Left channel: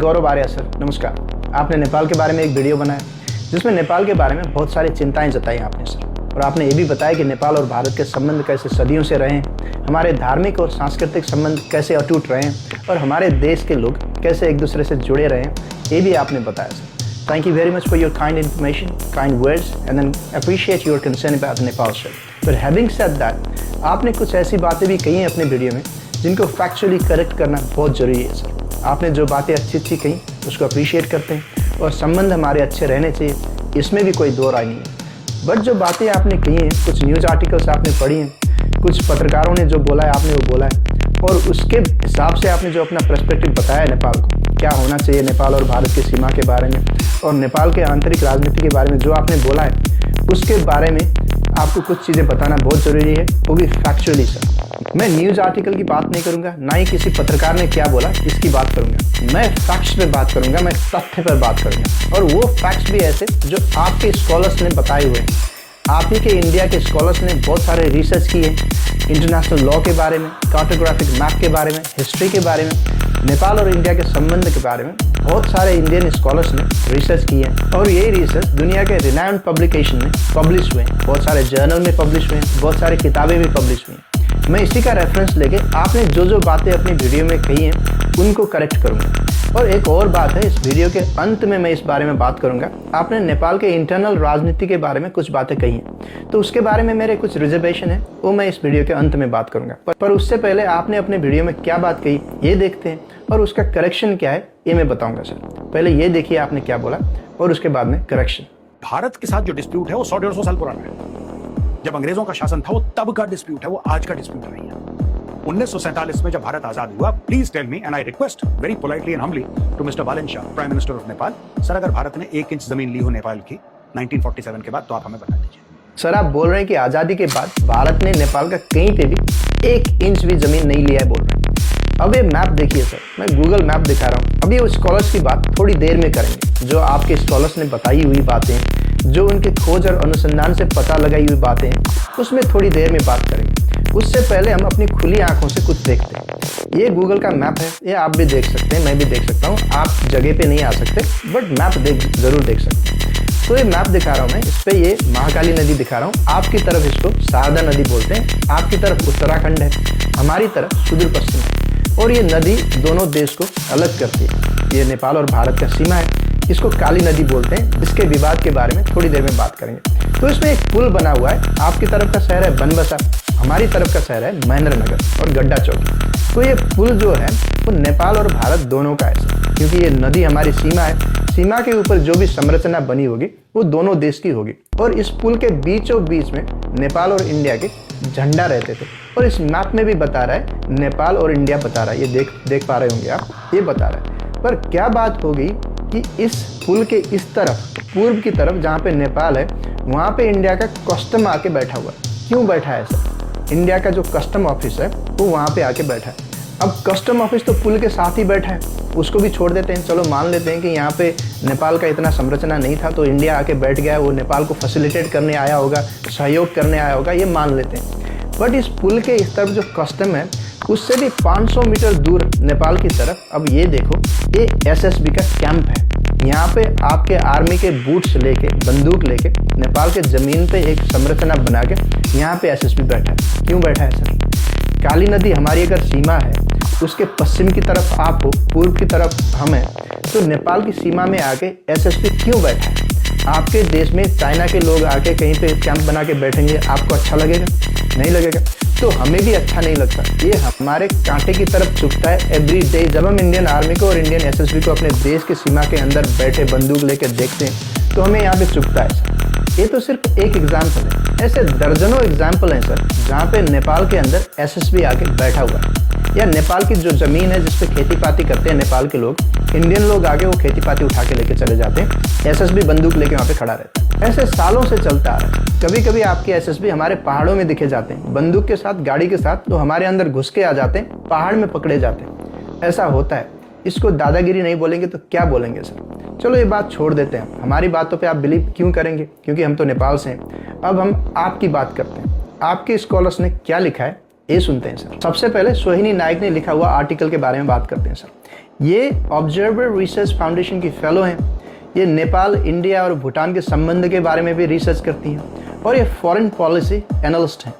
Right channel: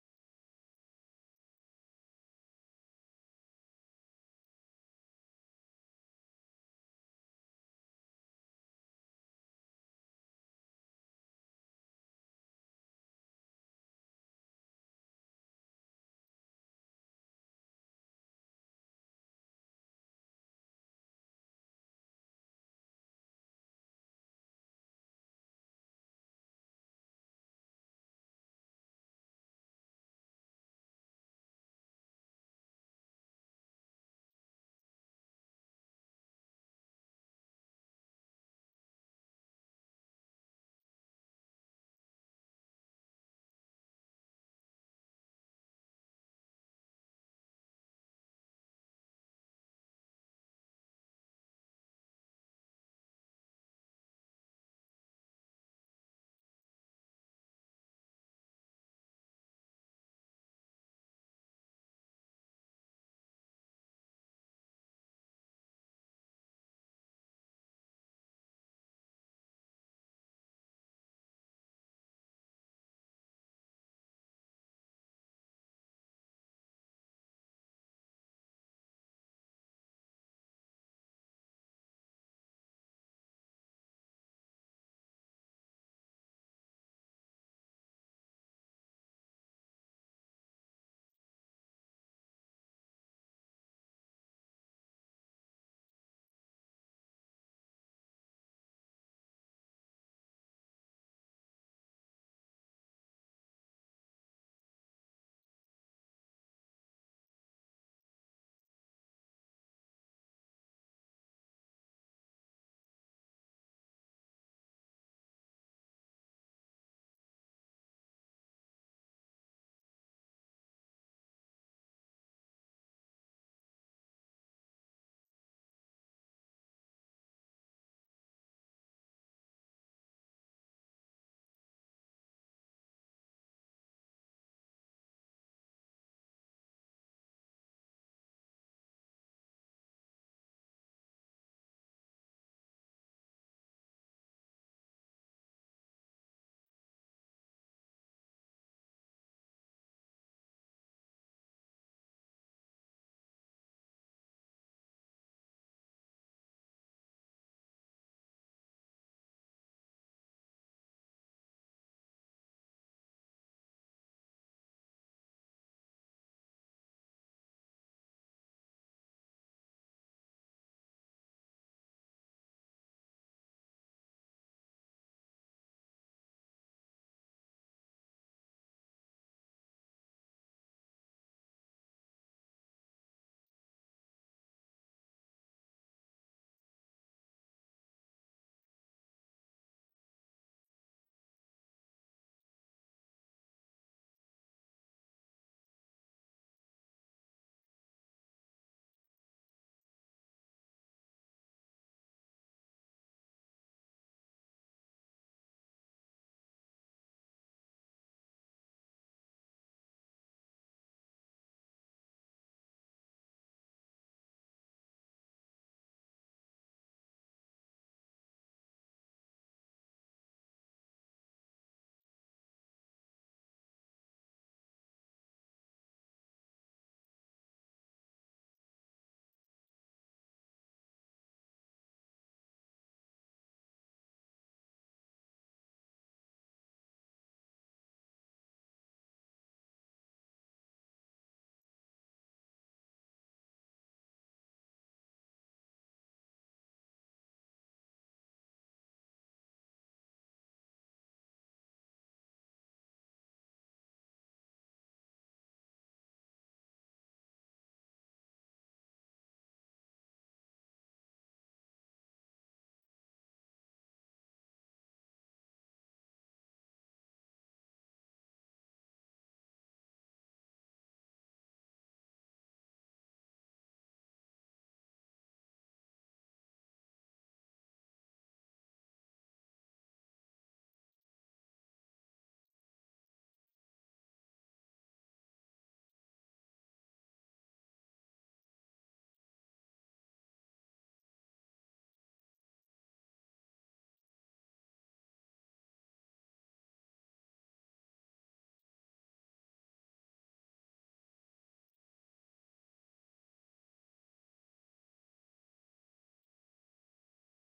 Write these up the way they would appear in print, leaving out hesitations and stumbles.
गौरव Arya sir, नमस्कार। आपने नेपाल के बारे में एक वीडियो बनाया जिसमें नेपाल के बारे में बहुत सारी चिंताएं जताई आपने सर, और आपने ये भी बताया कि नेपाल और भारत के संबंध कैसे सदियों से रहे हैं, हमारे धार्मिक और सांस्कृतिक संबंध कैसे अटूट रहे हैं और हमारे देश के लोग कैसे एक दूसरे से जुड़े रहे हैं, ये भी आपने बताया sir. Thank you very much for your kind information, kind words and then appreciate your concern about Nepal sir. But having said that, आपने कुछ ऐसी बातें भी कही हैं अपने वीडियो में जिनको फैक्चुअली करेक्ट करना बहुत ज़रूरी है सर। आपने जो बातें अच्छी कही उसको अप्रिशिएट करते हैं और संबंध हमारे अच्छे रहने चाहिए, इसमें भी कोई दो राय नहीं है। बट जो बातें आपने कही हैं, कुछ न्यूज़ आर्टिकल्स आपने पढ़ी हैं, कुछ पत्रकारों ने जो बोला है आपने वो बोला है, और उसके हिसाब से आपने जो अपना पर्सपेक्टिव बताया है नेपाल को क्या होना चाहिए, नेपाल और भारत की सीमा के बारे में और नेपाल के आंतरिक राजनीति के बारे में जो आपने बोला है, उसके बारे में आपको कुछ चीज़ें बताना बहुत ज़रूरी है, वो भी फैक्चुअली सर। मैं न्यूज़ आर्टिकल की बात नहीं करूंगा, ना ही किसी पत्रकार ने क्या बोला इसकी बात करूंगा। मैं फैक्ट्स पे बात करूंगा, मैं तथ्य पर बात करूंगा, और वो फैक्ट्स भी ऐसे जो आपके स्कॉलर्स ने बताए हुए हैं। आप ही के इंडिया के स्कॉलर्स ने बहुत सारे रिसर्च किए इंटरनेशनल लॉ के बारे में, कार्टोग्राफिक मैप के बारे में, हिस्ट्री के बारे में, नेपाल और इंडिया के संबंध के बारे में बहुत सारे इंडियन स्कॉलर्स ने रिसर्च किए हैं, और ये रिसर्च दुनिया के रिनाउंड पब्लिकेशन में पब्लिश हुए हैं, बहुत सारे जर्नल में पब्लिश हुए हैं, बहुत सारी किताबें भी पब्लिश हुई हैं। मैं इसी का रेफरेंस लेके आपने जो बातें अपनी वीडियो में कही हैं उनको करेक्ट करूंगा। और एक और बात है, इस वीडियो के अंत में मैं इस बारे में बात करूंगा। आपने नेपाल के इंटरनल राजनीति के बारे में कुछ बातें कही हैं, तो उसके बारे में मेरे कुछ रिजर्वेशन है, वो मैं इस वीडियो के अंत में बात करूंगा। पर उससे पहले आपने अपने वीडियो में क्या बात कही ये देखते हैं, और उसका करेक्शन क्या है ये मैं बताऊंगा सर। पहले ये देखिए आपने क्या बोला और उसके बाद में करेक्शन। भारत के साथ जो डिस्प्यूट है वो 100-150 साल पुराना है। जब अंग्रेजों का शासन था वो तब का डिस्प्यूट है, वो आज का डिस्प्यूट नहीं है। 1947 में जब भारत आजाद हुआ, please tell me and I request very politely and humbly to mister Balen Shah, prime minister of Nepal, sir अगर भारत ने 1 इंच जमीन ली हो नेपाल की 1947 के बाद तो आप हमें बता दीजिए। सर आप बोल रहे हैं कि आज़ादी के बाद भारत ने नेपाल का कहीं पे भी 1 इंच भी जमीन नहीं लिया है, बोल रहे हैं। अब ये मैप देखिए सर, मैं गूगल मैप दिखा रहा हूँ। अभी वो स्कॉलर्स की बात थोड़ी देर में करेंगे, जो आपके स्कॉलर्स ने बताई हुई बातें, जो उनके खोज और अनुसंधान से पता लगाई हुई बातें हैं, उसमें थोड़ी देर में बात करेंगे। उससे पहले हम अपनी खुली आंखों से कुछ देखते हैं। ये गूगल का मैप है, ये आप भी देख सकते हैं, मैं भी देख सकता हूँ। आप जगह पे नहीं आ सकते बट मैप जरूर देख सकते हैं। तो ये मैप दिखा रहा हूँ मैं, इस पे ये महाकाली नदी दिखा रहा हूँ। आपकी तरफ इसको शारदा नदी बोलते हैं, आपकी तरफ उत्तराखंड है, हमारी तरफ सुदूर पश्चिम है, और ये नदी दोनों देश को अलग करती है। ये नेपाल और भारत का सीमा है, इसको काली नदी बोलते हैं। इसके विवाद के बारे में थोड़ी देर में बात करेंगे। तो इसमें एक पुल बना हुआ है, आपकी तरफ का शहर है बनबसा, हमारी तरफ का शहर है महेंद्र नगर और गड्डा चौकी। तो ये पुल जो है वो नेपाल और भारत दोनों का है, क्योंकि ये नदी हमारी सीमा है। सीमा के ऊपर जो भी संरचना बनी होगी वो दोनों देश की होगी, और इस पुल के बीचों बीच में नेपाल और इंडिया के झंडा रहते थे। और इस मैप में भी बता रहा है नेपाल और इंडिया बता रहा है, ये देख पा रहे होंगे आप, ये बता रहा है। पर क्या बात हो गई कि इस पुल के इस तरफ, पूर्व की तरफ जहाँ पे नेपाल है, वहाँ पे इंडिया का कस्टम आके बैठा हुआ है। क्यों बैठा है सर? इंडिया का जो कस्टम ऑफिस है वो वहाँ पे आके बैठा है। अब कस्टम ऑफिस तो पुल के साथ ही बैठा है, उसको भी छोड़ देते हैं। चलो मान लेते हैं कि यहाँ पे नेपाल का इतना संरचना नहीं था तो इंडिया आके बैठ गया, वो नेपाल को फैसिलिटेट करने आया होगा, सहयोग करने आया होगा, ये मान लेते हैं। बट इस पुल के इस तरफ जो कस्टम है उससे भी 500 मीटर दूर नेपाल की तरफ, अब ये देखो, ये एसएसबी का कैंप है। यहाँ पे आपके आर्मी के बूट्स लेके, बंदूक लेके नेपाल के ज़मीन पे एक संरचना बना के यहाँ पे एसएसबी बैठा है। क्यों बैठा है सर? काली नदी हमारी अगर सीमा है, उसके पश्चिम की तरफ आप हो, पूर्व की तरफ हम हैं, तो नेपाल की सीमा में आके एसएसबी क्यों बैठा है? आपके देश में चाइना के लोग आके कहीं पे कैंप बना के बैठेंगे, आपको अच्छा लगेगा? नहीं लगेगा। तो हमें भी अच्छा नहीं लगता। ये हमारे कांटे की तरफ चुभता है एवरी डे जब हम इंडियन आर्मी को और इंडियन एसएसबी को अपने देश की सीमा के अंदर बैठे बंदूक लेकर देखते हैं, तो हमें यहाँ पे चुभता है सर। ये तो सिर्फ एक एग्जाम्पल है, ऐसे दर्जनों एग्जाम्पल हैं सर जहाँ पे नेपाल के अंदर एसएसबी आके बैठा हुआ है। या नेपाल की जो ज़मीन है जिस पे खेती पाती करते हैं नेपाल के लोग, इंडियन लोग आगे वो खेती पाती उठा के लेके चले जाते हैं, एसएसबी बंदूक लेके वहाँ पे खड़ा रहता है। ऐसे सालों से चलता आ रहा है। कभी कभी आपके एसएसबी हमारे पहाड़ों में दिखे जाते हैं, बंदूक के साथ, गाड़ी के साथ, तो हमारे अंदर घुस के आ जाते हैं, पहाड़ में पकड़े जाते हैं। ऐसा होता है। इसको दादागिरी नहीं बोलेंगे तो क्या बोलेंगे सर? चलो ये बात छोड़ देते हैं, हमारी बातों पे आप बिलीव क्यों करेंगे? क्योंकि हम तो नेपाल से हैं। अब हम आपकी बात करते हैं। आपके स्कॉलर्स ने क्या लिखा है ये सुनते हैं सर। सबसे पहले सोहिनी नायक ने लिखा हुआ आर्टिकल के बारे में बात करते हैं सर। ये ऑब्जर्वर रिसर्च फाउंडेशन की फेलो हैं। ये नेपाल, इंडिया और भूटान के संबंध के बारे में भी रिसर्च करती हैं और ये फॉरेन पॉलिसी एनालिस्ट हैं।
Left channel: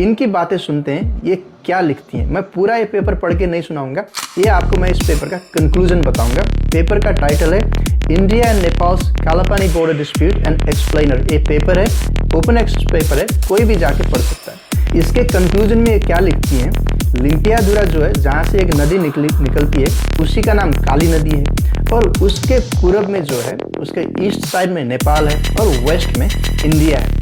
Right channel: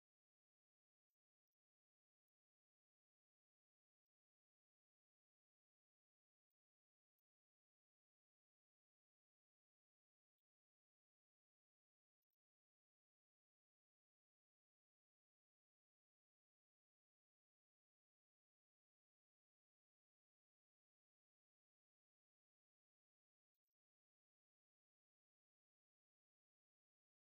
इनकी बातें सुनते हैं, ये क्या लिखती हैं। मैं पूरा ये पेपर पढ़ के नहीं सुनाऊंगा, ये आपको मैं इस पेपर का कंक्लूजन बताऊंगा। पेपर का टाइटल है India and Nepals Kalapani border dispute and explainer. ये पेपर है, ओपन एक्सेस पेपर है, कोई भी जाके पढ़ सकता है। इसके कंक्लूजन में ये क्या लिखती हैं, लिम्पियाधुरा जो है, जहाँ से एक नदी निकलती है, उसी का नाम काली नदी है और उसके पूरब में जो है, उसके ईस्ट साइड में नेपाल है और वेस्ट में इंडिया है।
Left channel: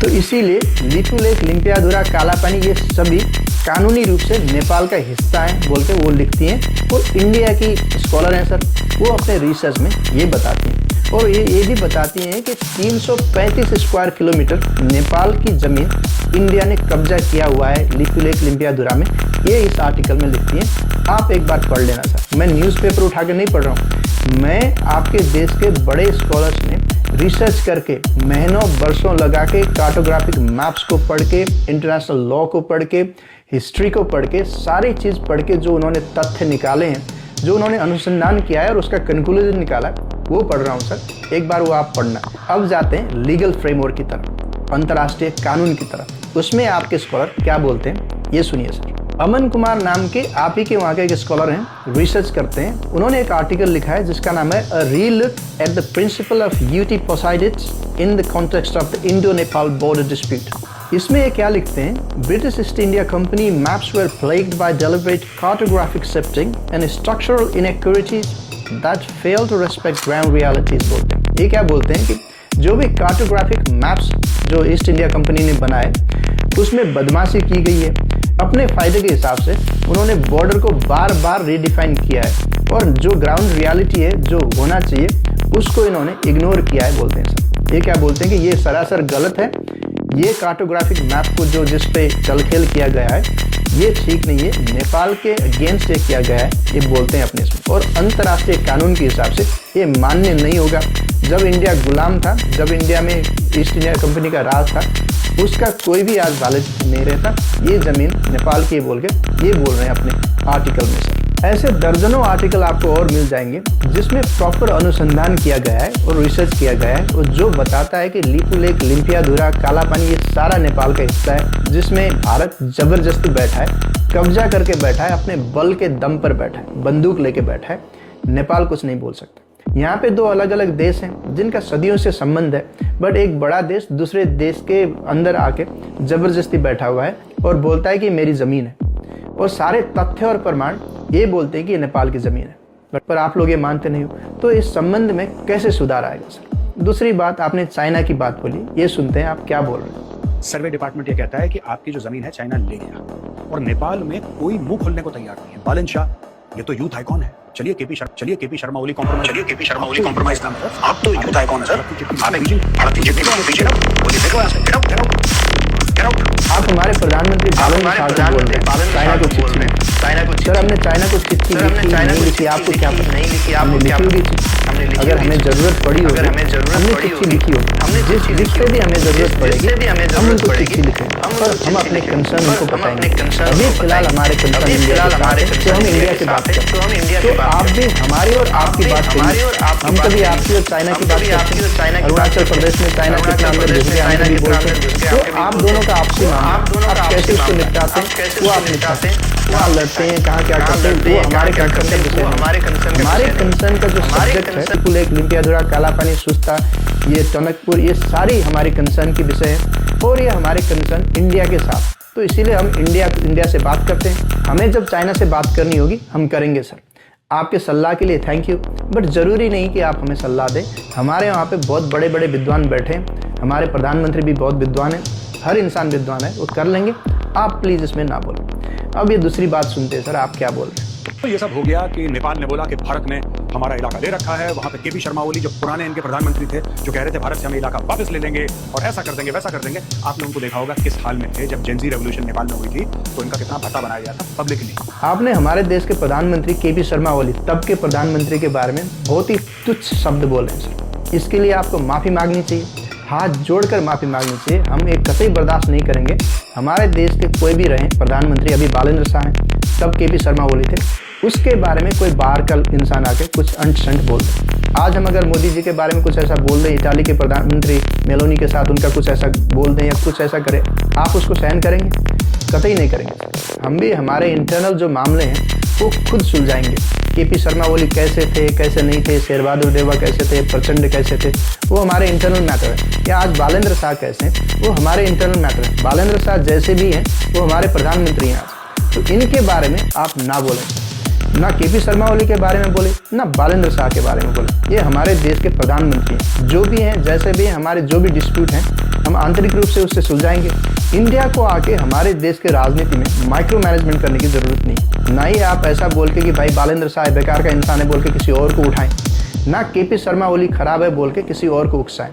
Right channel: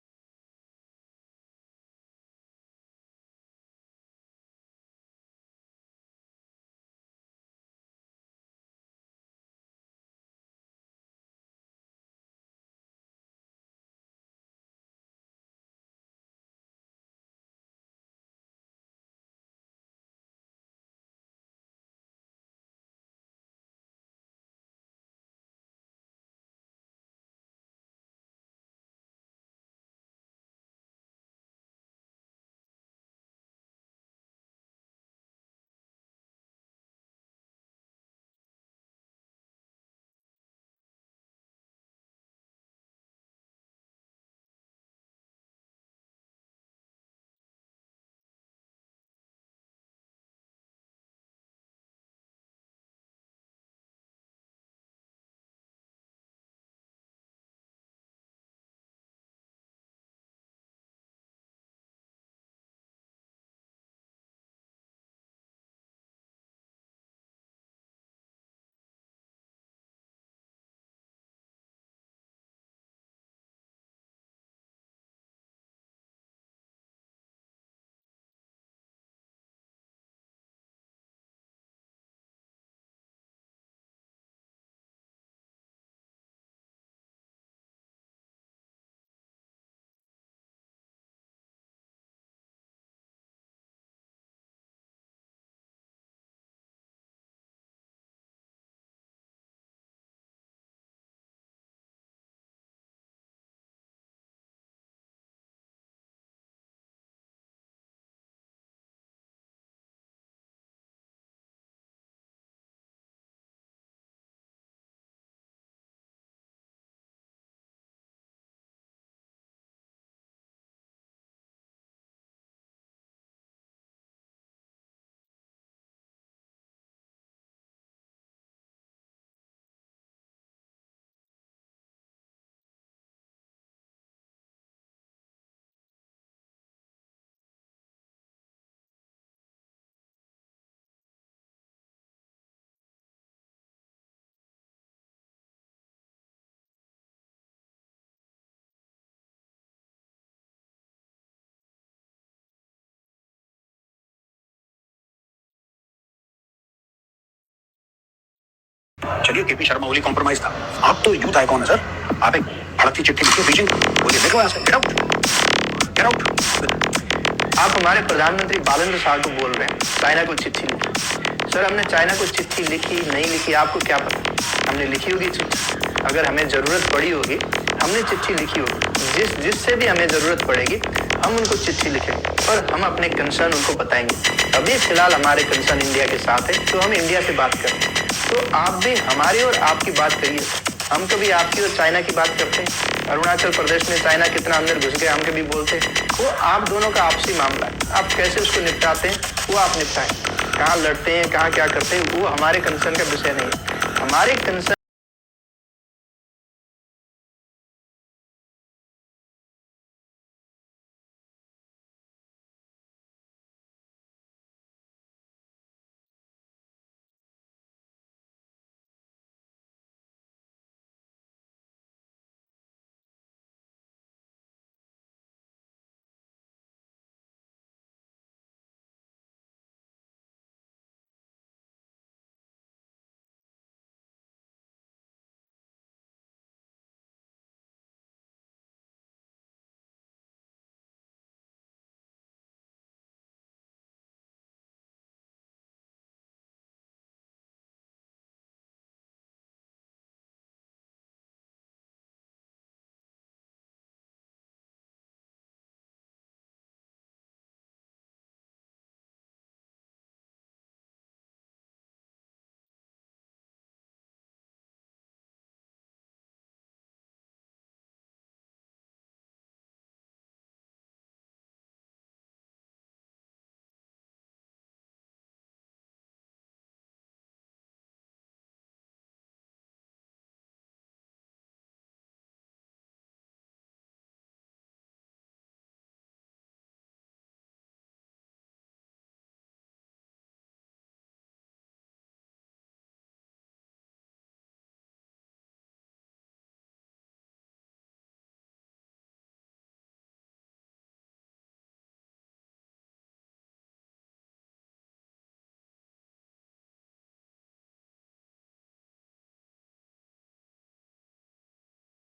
तो इसीलिए लिपू लेक, लिम्पियाधुरा, कालापानी ये सभी कानूनी रूप से नेपाल का हिस्सा है बोल के वो लिखती हैं। और इंडिया की स्कॉलर हैं सर, वो अपने रिसर्च में ये बताती हैं और ये भी बताती हैं कि 335 स्क्वायर किलोमीटर नेपाल की ज़मीन इंडिया ने कब्जा किया हुआ है लिपू लेक, लिम्पियाधुरा में। ये इस आर्टिकल में लिखती हैं, आप एक बार पढ़ लेना सर। मैं न्यूज़पेपर उठा के नहीं पढ़ रहा हूँ, मैं आपके देश के बड़े स्कॉलर्स ने रिसर्च करके महीनों बरसों लगा के कार्टोग्राफिक मैप्स को पढ़ के, इंटरनेशनल लॉ को पढ़ के, हिस्ट्री को पढ़ के, सारी चीज़ पढ़ के जो उन्होंने तथ्य निकाले हैं, जो उन्होंने अनुसंधान किया है और उसका कंक्लूजन निकाला, वो पढ़ रहा हूँ सर। एक बार वो आप पढ़ना। अब जाते हैं लीगल फ्रेमवर्क की तरफ, अंतर्राष्ट्रीय कानून की तरफ। उसमें आपके स्कॉलर क्या बोलते हैं, ये सुनिए सर। अमन कुमार नाम के आप ही के वहाँ के एक स्कॉलर हैं, रिसर्च करते हैं। उन्होंने एक आर्टिकल लिखा है जिसका नाम है a relook at the principle of uti possidetis in the context of the Indo Nepal border dispute. इसमें ये क्या लिखते हैं, British East India Company maps were plagued by deliberate cartographic shifting and structural inaccuracies that fail to respect ground realities बोलते हैं। ये क्या बोलते हैं कि जो भी कार्टोग्राफिक मैप्स जो ईस्ट इंडिया कंपनी ने बनाए, उसमें बदमाशी की गई है। अपने फायदे के हिसाब से उन्होंने बॉर्डर को बार बार रीडिफाइन किया है और जो ग्राउंड रियलिटी है, जो होना चाहिए, उसको इन्होंने इग्नोर किया है बोलते हैं सर। ये क्या बोलते हैं कि ये सरासर गलत है, ये कार्टोग्राफिक मैप को जो जिस पे चलखेल किया गया है, ये ठीक नहीं है, नेपाल के अगेंस्ट ये किया गया है, ये बोलते हैं अपने इसमें। और अंतर्राष्ट्रीय कानून के हिसाब से ये मान्य नहीं होगा। जब इंडिया गुलाम था, जब इंडिया में ईस्ट इंडिया कंपनी का राज था, उसका कोई भी आज वालिद नहीं रहता। ये ज़मीन नेपाल की बोल के ये बोल रहे हैं अपने आर्टिकल में सर। ऐसे दर्जनों आर्टिकल आपको और मिल जाएंगे जिसमें प्रॉपर अनुसंधान किया गया है और रिसर्च किया गया है और जो बताता है कि लिपू लेक, लिम्पियाधुरा, कालापानी ये सारा नेपाल का हिस्सा है, जिसमें भारत जबरदस्ती बैठा है, कब्जा करके बैठा है, अपने बल के दम पर बैठा है, बंदूक लेके बैठा है। नेपाल कुछ नहीं बोल सकता। यहाँ पे दो अलग अलग देश हैं जिनका सदियों से संबंध है, बट एक बड़ा देश दूसरे देश के अंदर आके जबरदस्ती बैठा हुआ है और बोलता है कि मेरी ज़मीन है, और सारे तथ्य और प्रमाण ये बोलते हैं कि ये नेपाल की ज़मीन है, बट पर आप लोग ये मानते नहीं हो। तो इस संबंध में कैसे सुधार आएगा सर? दूसरी बात, आपने चाइना की बात बोली, ये सुनते हैं आप क्या बोल रहे हैं। सर्वे डिपार्टमेंट ये कहता है कि आपकी जो जमीन है चाइना ले गया और नेपाल में कोई मुंह खोलने को तैयार नहीं है। बालन शाह, ये तो यूथ आइकॉन है। चलिए केपी शर्मा ओली कॉम्प्रोमाइज था। आप तो यूथ आइकॉन है सर। आप एक भारतीय चिट्ठी लिख के भेजिए ना, बोलिए देखो यहाँ से, गेट आउट। आप हमारे प्रधानमंत्री बालन शाह को बोल रहे हैं चाइना को चिट्ठी। हमने चाइना को चिट्ठी लिखी नहीं लिखी, आपको क्या हमने लिखी होगी, अगर हमें जरूरत पड़ी होगी, हमने चिट्ठी लिखी होगी, जिससे भी हमें जरूरत पड़ेगी हम उनको चिट्ठी लिखेंगे और हम अपने कंसर्न उनको बताएंगे। अभी फिलहाल हमारे कंसर्न इंडिया के साथ है, तो हम इंडिया से बात करें। आप भी हमारी और आपकी बात करेंगे। हम कभी आपकी और चाइना की बात करते हैं। अरुणाचल प्रदेश में चाइना कितना अंदर घुस गया, हम कभी बोलते हैं। आप दोनों का आपसी मामला है, आप कैसे उसको निपटाते हैं, वो आप लड़ते हैं, कहाँ लड़ते हैं, कहाँ क्या करते हैं, वो हमारे कंसर्न का विषय नहीं। हमारे कंसर्न लेक, लिम्पियाधुरा, कालापानी, सुस्ता, ये टनकपुर, ये सारी हमारी कंसर्न की विषय है और ये हमारे कंसर्न इंडिया के साथ। तो इसीलिए हम इंडिया से बात करते हैं। हमें जब चाइना से बात करनी होगी हम करेंगे सर। आपके सलाह के लिए थैंक यू, बट ज़रूरी नहीं कि आप हमें सलाह दें। हमारे वहाँ पे बहुत बड़े बड़े विद्वान बैठे हैं, हमारे प्रधानमंत्री भी बहुत विद्वान हैं, हर इंसान विद्वान है, वो कर लेंगे। आप प्लीज़ इसमें ना बोलें। अब ये दूसरी बात सुनते हैं सर, आप क्या बोल रहे हैं। तो ये सब हो गया कि नेपाल ने बोला कि भारत ने हमारा इलाका ले रखा है। वहां पे केपी शर्मा ओली जो पुराने इनके प्रधानमंत्री थे, जो कह रहे थे भारत से हम इलाका वापस ले लेंगे और ऐसा कर देंगे, वैसा कर देंगे। आप लोगों को देखा होगा किस हाल में थे जब जेनजी रेवोल्यूशन नेपाल में हुई थी, तो इनका कितना भत्ता बनाया गया था पब्लिकली। आपने हमारे देश के प्रधानमंत्री केपी शर्मा ओली, तब के प्रधानमंत्री के बारे में बहुत ही तुच्छ शब्द बोले हैं सर। इसके लिए आपको माफ़ी मांगनी चाहिए, हाथ जोड़कर माफ़ी मांगनी चाहिए। हम एक कतई बर्दाश्त नहीं करेंगे। हमारे देश के कोई भी रहे प्रधानमंत्री, अभी बालेंद्र शाह हैं, तब केपी शर्मा ओली थे, उसके बारे में कोई बाहर का इंसान आके कुछ अंट शंट बोल दे। आज हम अगर मोदी जी के बारे में कुछ ऐसा बोल दें, इटाली के प्रधानमंत्री मेलोनी के साथ उनका कुछ ऐसा बोल दें या कुछ ऐसा करें, आप उसको सहन करेंगे? कतई नहीं करेंगे। हम भी हमारे इंटरनल जो मामले हैं वो खुद सुलझाएंगे। केपी शर्मा ओली कैसे थे, कैसे नहीं थे, शेर बहादुर देवा कैसे थे, प्रचंड कैसे थे, वो हमारे इंटरनल मैटर है। या आज बालेंद्र शाह कैसे हैं, वो हमारे इंटरनल मैटर है। बालेंद्र शाह जैसे भी हैं वो हमारे प्रधानमंत्री हैं आज। तो इनके बारे में आप ना बोलें, ना केपी शर्मा ओली के बारे में बोले, ना बालेंद्र शाह के बारे में बोले। ये हमारे देश के प्रधानमंत्री हैं। जो भी हैं, जैसे भी हैं, हमारे जो भी डिस्प्यूट हैं हम आंतरिक रूप से उससे सुलझाएंगे। इंडिया को आके हमारे देश के राजनीति में माइक्रो मैनेजमेंट करने की ज़रूरत नहीं। ना ही आप ऐसा बोल के कि भाई बालेंद्र शाह बेकार का इंसान है बोल के किसी और को उठाएं, ना केपी शर्मा ओली खराब है बोल के किसी और को उकसाएं।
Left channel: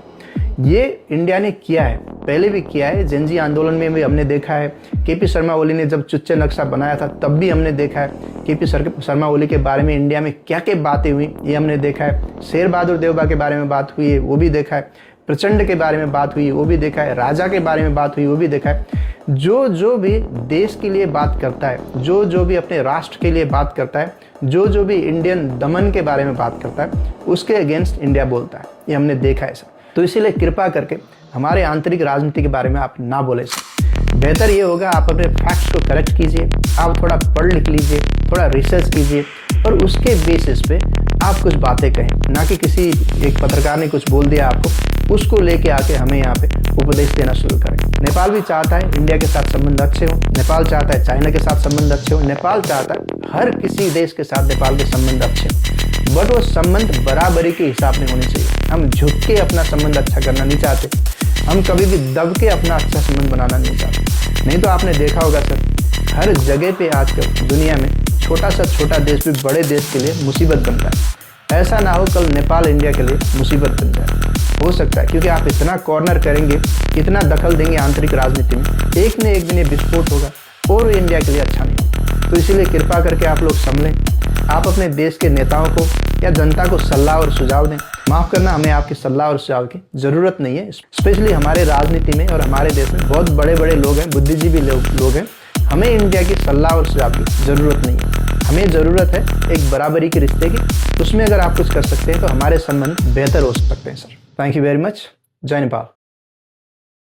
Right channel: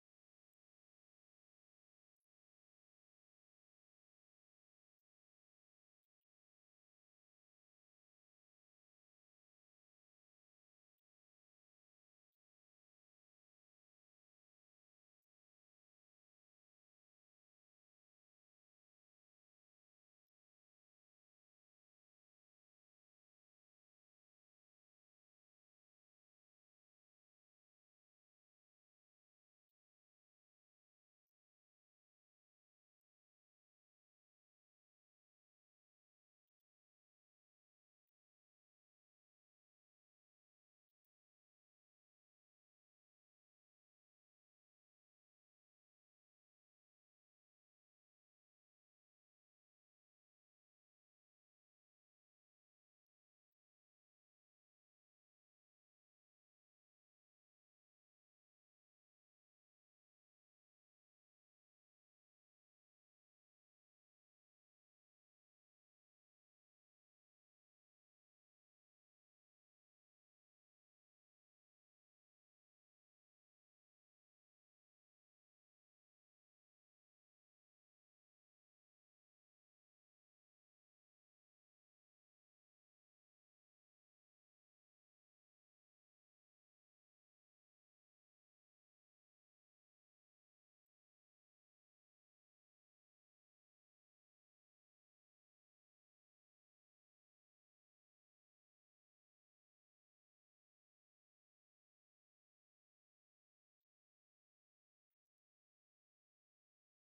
ये इंडिया ने किया है, पहले भी किया है। जेनजी आंदोलन में भी हमने देखा है। केपी शर्मा ओली ने जब चुच्चे नक्शा बनाया था तब भी हमने देखा है केपी शर्मा ओली के बारे में इंडिया में क्या क्या बातें हुई, ये हमने देखा है। शेर बहादुर देवा के बारे में बात हुई है, वो भी देखा है। प्रचंड के बारे में बात हुई, वो भी देखा है। राजा के बारे में बात हुई, वो भी देखा है। जो भी देश के लिए बात करता है, जो भी अपने राष्ट्र के लिए बात करता है, जो भी इंडियन दमन के बारे में बात करता है, उसके अगेंस्ट इंडिया बोलता है। ये हमने देखा है सर। तो इसीलिए कृपा करके हमारे आंतरिक राजनीति के बारे में आप ना बोले सर। बेहतर ये होगा आप अपने फैक्ट्स को करेक्ट कीजिए, आप थोड़ा पढ़ लिख लीजिए, थोड़ा रिसर्च कीजिए और उसके बेसिस पे आप कुछ बातें कहें। ना कि किसी एक पत्रकार ने कुछ बोल दिया आपको, उसको लेके आके हमें यहाँ पे उपदेश देना शुरू करें। नेपाल भी चाहता है इंडिया के साथ संबंध अच्छे हों, नेपाल चाहता है चाइना के साथ संबंध अच्छे हों, नेपाल चाहता है हर किसी देश के साथ नेपाल के संबंध अच्छे हों, बट वो संबंध बराबरी के हिसाब में होने चाहिए। हम झुक के अपना संबंध अच्छा करना नहीं चाहते, हम कभी भी दब के अपना अच्छा संबंध बनाना नहीं चाहते। नहीं तो आपने देखा होगा सर, हर जगह पे आजकल दुनिया में छोटा सा छोटा देश भी बड़े देश के लिए मुसीबत बनता है। ऐसा ना हो कल नेपाल इंडिया के लिए मुसीबत बन जाए, हो सकता है, क्योंकि आप इतना कॉर्नर करेंगे, इतना दखल देंगे आंतरिक राजनीति में, एक न एक दिन ये विस्फोट होगा और इंडिया के लिए अच्छा नहीं होगा। तो इसीलिए कृपा करके आप लोग संभलें, आप अपने देश के नेताओं को या जनता को सलाह और सुझाव दें। माफ़ करना, हमें आपकी सलाह और सुझाव की ज़रूरत नहीं है। स्पेशली हमारे राजनीति में और हमारे देश में बहुत बड़े बड़े लोग हैं, बुद्धिजीवी लोग हैं। हमें इंडिया की सलाह और सुझाव की ज़रूरत नहीं है। हमें ज़रूरत है एक बराबरी के रिश्ते की। उसमें अगर आप कुछ कर सकते हैं तो हमारे संबंध बेहतर हो सकते हैं sir. Thank you very much. जय नेपाल।